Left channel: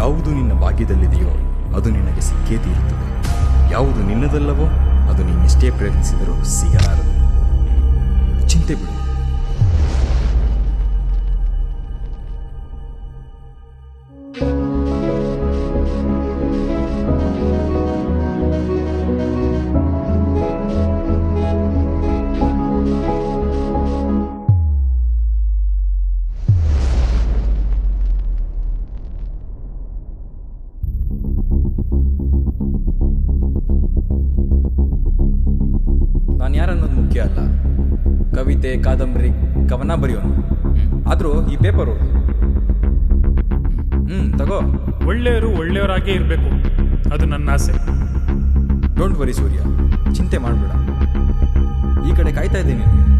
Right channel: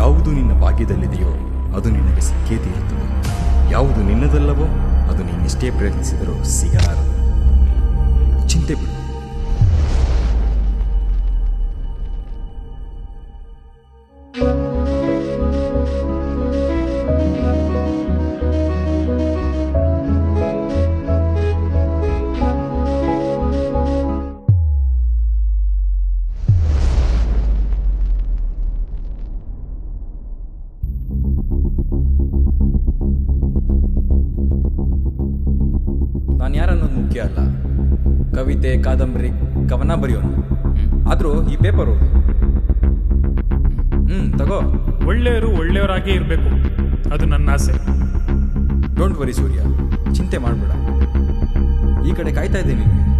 ಯಾವುದು ನಿನ್ನ ಭಾಗ್ಯದಲ್ಲಿದೆಯೋ ಅದು ನಿನಗೆ ಸಿಕ್ಕೇ ತೀರುತ್ತದೆ. ಯಾವುದು ನಿನ್ನದಲ್ಲವೋ ಅದು ನೀನೆಷ್ಟೇ ಪ್ರಯತ್ನಿಸಿದರೂ ಸಿಗಲಾರದು. ಚಿಂತೆ ಬಿಡು. ನಾನು ಯಾರನ್ನೋದು ಮುಖ್ಯ ಅಲ್ಲ. ಕವಿತೆ, ಕಾದಂಬರಿ, ಕವನ ಬರೆಯೋನು. ಆದರೂ ಈ ಪೇಪರ್ ಓದು. ತಗೋ. ಒಳ್ಳೆಯವರು ಒಳ್ಳೆಯವರಾಗೇ ಇರಬೇಕು, ಅದು ನನ್ನ ಆಸೆ. ಡೋಂಟ್ ವರಿ ಸೂರ್ಯ, ಚಿಂತೆ ಮಾಡಬೇಡ. ಈ ಕಡೆ ಕಾಯ್ತಾ ಇದ್ದೀನಿ ನಿನಗೆ.